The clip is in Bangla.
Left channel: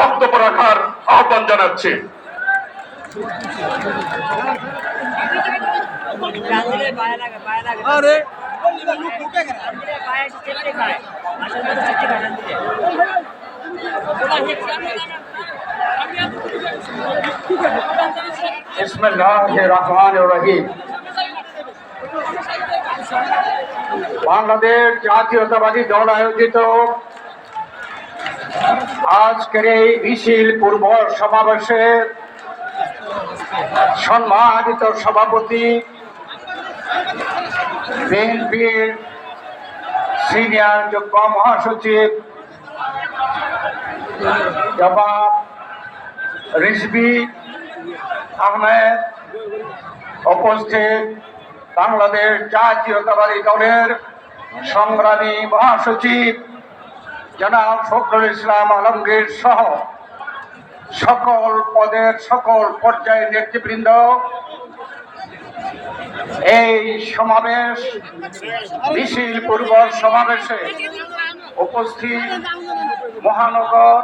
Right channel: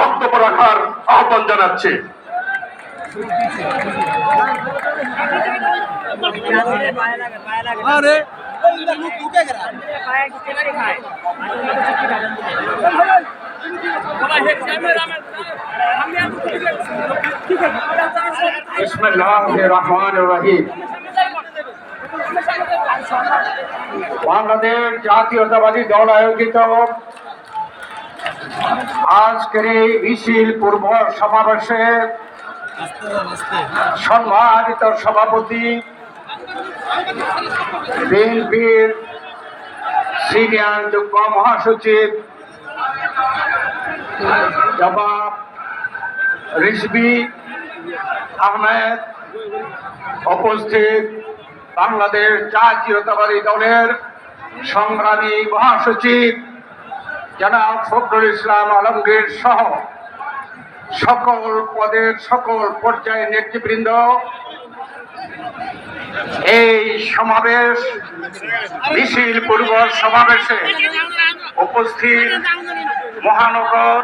বক্তব্য রাখার আহ্বান জানাচ্ছি। বিসমিল্লাহির রহমানির রহিম। বাংলাদেশ জাতীয়তাবাদী দল আয়োজিত আজকের এই মিছিল পূর্ব সমাবেশে সম্মানিত সভাপতি, বিএনপির সিনিয়র যুগ্ম মহাসচিব জনাব রিজভী আহমেদ, উপস্থিত বাংলাদেশ জাতীয়তাবাদী দলের সংগ্রামী মহাসচিব জনাব ফখরুল ইসলাম আলমগীর সহ সকল পদের সকল পর্যায়ের নেতৃবৃন্দ, এই সমাবেশ মিছিল পূর্ব সমাবেশে উপস্থিত মহানগর